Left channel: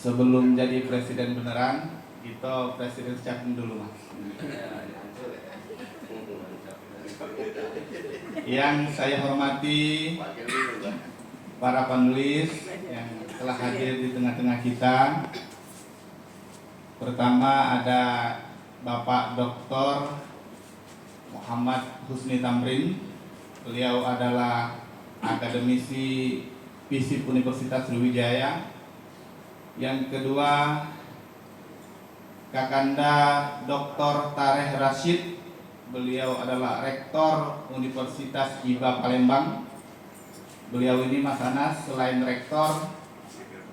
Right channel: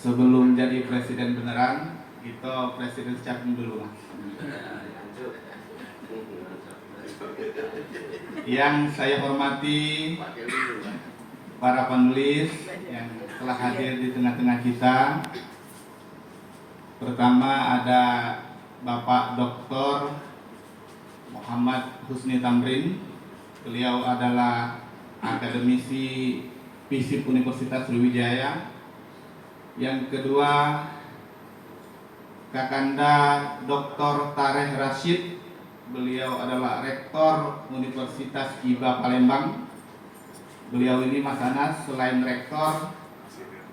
Sebelum jadi presiden beneran, kita presiden capim dulu mas. Yang saya hormati para penulis yang telah hadir di tengah-tengah kita. Pertama ada Bapak Dr. Muhammad Husni Tamrin. Beliau adalah akademisi FISIP Universitas Sriwijaya. Yang kedua Kakanda Dr. Tareh Rashid. Beliau adalah Rektor Universitas IBA Palembang. Beliau ini Mas Anas selain rektor,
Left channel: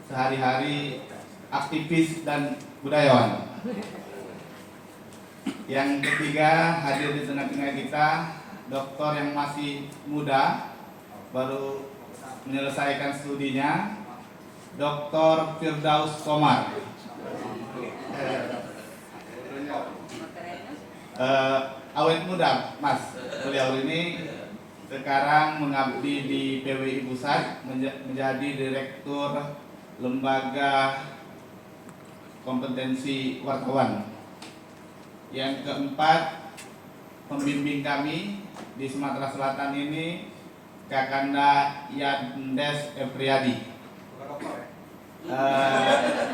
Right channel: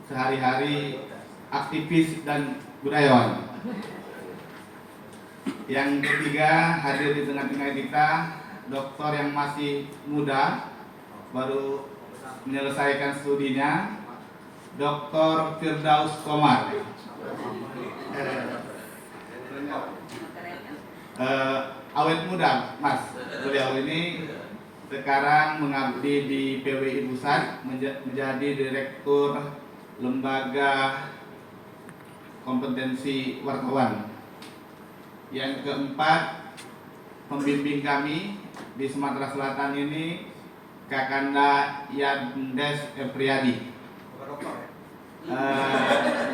sehari-hari aktivis dan budayawan. Yang ketiga hadir di tengah-tengah kita doktor yang masih muda, baru menyelesaikan studinya, Dr. Firdaus Komar. Awet muda, Mas. Beliau ini sekarang mengabdi di PWI Pusat, menjadi Direktur Lembaga Kompetensi Wartawan. Yang keempat, pembimbing kami di Sumatera Selatan ini Kakanda Yandes Epriadi,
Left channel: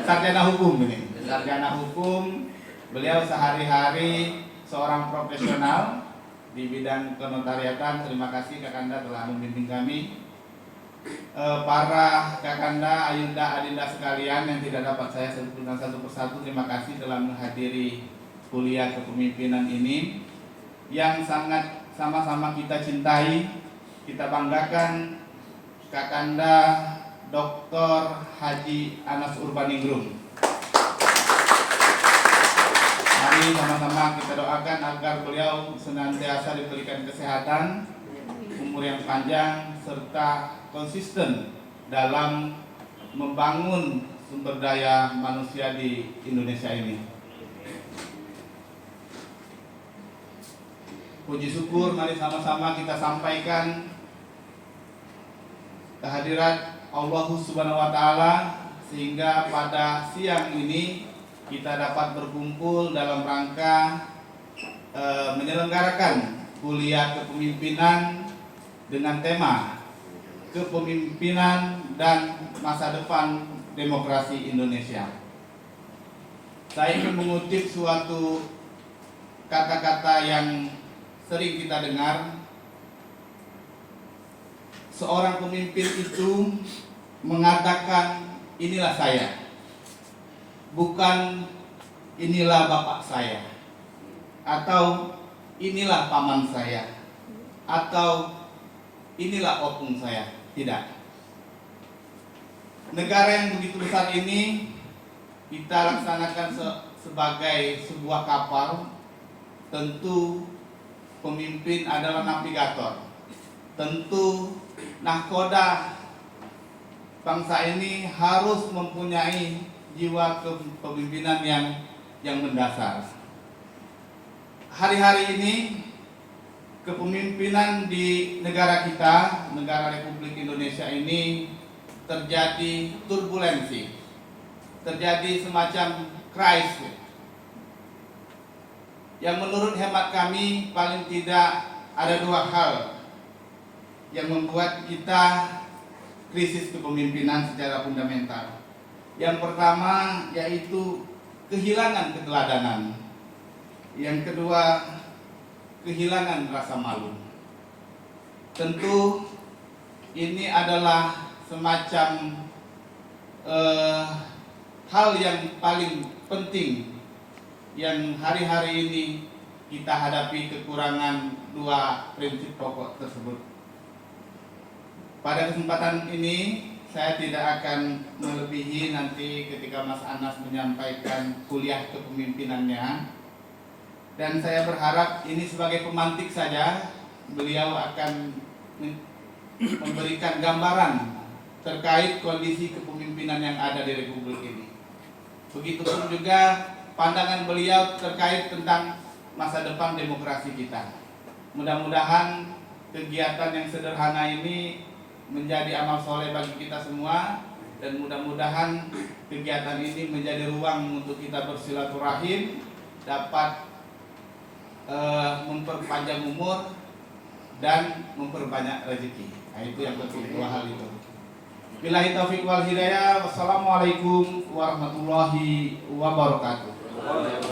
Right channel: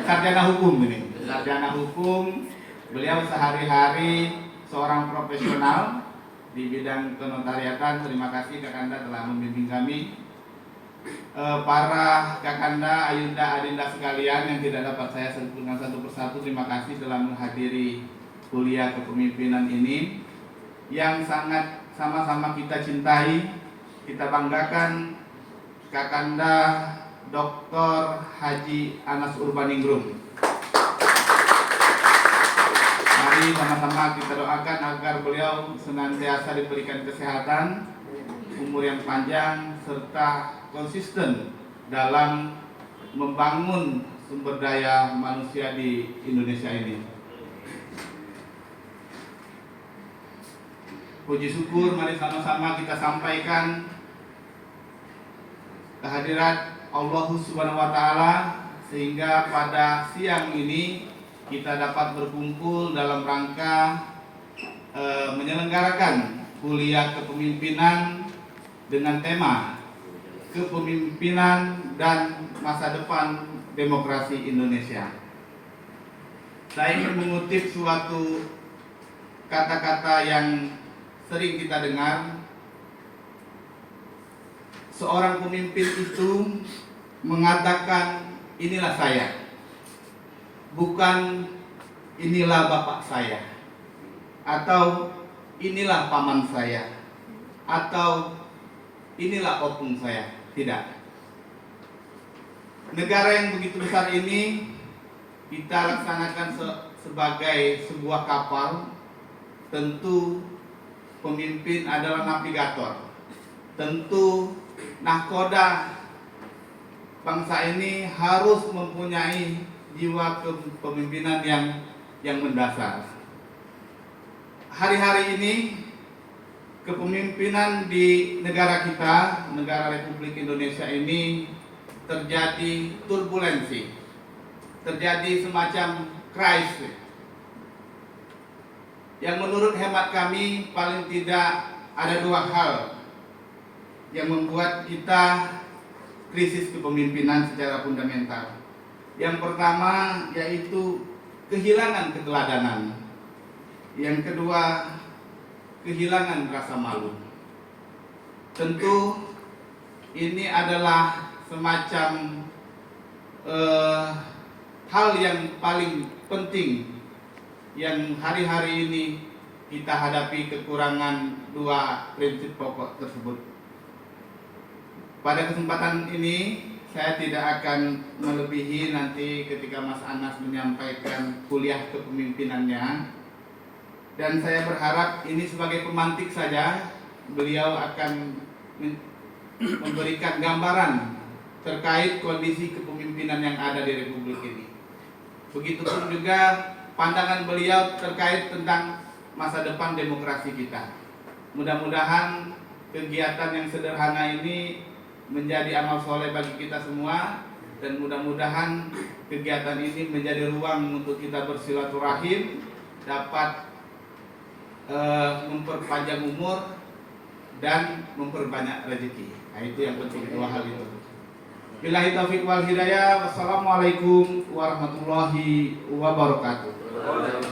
sarjana hukum ini. Sarjana hukum, beliau sehari-hari seorang profesional di bidang kenotariatan. Terima kasih Kakanda telah membimbing kami. Para Kakanda, Ayunda, Adinda sekalian yang tidak dapat saya sebutkan satu persatu, terima kasih telah menghadiri kuliah kepemimpinan ini yang sangat sama-sama kita cintai, kita banggakan. Kakanda Dr. Haji Anas Urbaningrum. Mari sama-sama kita doakan agar beliau senantiasa diberikan kesehatan, umur yang panjang, serta konsisten dalam membangun sumber daya manusia di Indonesia ini. Puji syukur mari sama-sama kita sampaikan kehadirat Allah Subhanahu wa Ta'ala, sehingga pada siang ini kita dapat berkumpul dalam rangka menyelenggarakan kuliah kepemimpinan dengan tema Kepemimpinan dan Masa Depan Demokrasi Indonesia. Saya ingin mengutip suatu kata-kata yang sering kita dengar. Seorang pemimpin itu mengatakan, inilah saya, bukan inilah bapak saya, atau inilah paman saya, atau inilah opung saya. Tidak. Negara yang begitu besar ini kita laksanakan sebagai sebuah kapal. Tentu pemimpin adalah navigator. Tentu nahkoda bangsa ini harus mempunyai jiwa kepemimpinan yang mendasar. Hari-hari ini kepemimpinan di negara kita, negara Republik Indonesia ini terjadi turbulensi, terjadi semacam krisis yang menurut hemat kami paling tidak ada dua hal yang membuat kita krisis kepemimpinan secara fundamental. Yang pertama yaitu kehilangan keteladanan. Yang kedua, kehilangan rasa malu. Tentu ini adalah semacam hal yang paling penting yang hari-hari ini kita hadapi, kekurangan dua prinsip pokok tersebut. Pada kesempatan ini saya tidak akan melebihi nanti ketika Mas Anas menyampaikan kuliah kepemimpinannya. Dan saya berharap ini sebagai pemantik saja, beliau akan memberikan gambaran terkait kondisi kepemimpinan yang ada di Republik ini. Begitupun juga pandangan beliau terkait tentang masa depan demokrasi kita. Mudah-mudahan kegiatan yang sederhana ini menjadi amal soleh bagi kita semua, dan mudah-mudahan kegiatan ini menjadi ruang untuk kita bersilaturahim, dapat memperpanjang umur dan memperbanyak rezeki. Nah, itu yang penting, dua hal itu. Billahi taufiq wal hidayah. Wassalamualaikum warahmatullahi wabarakatuh.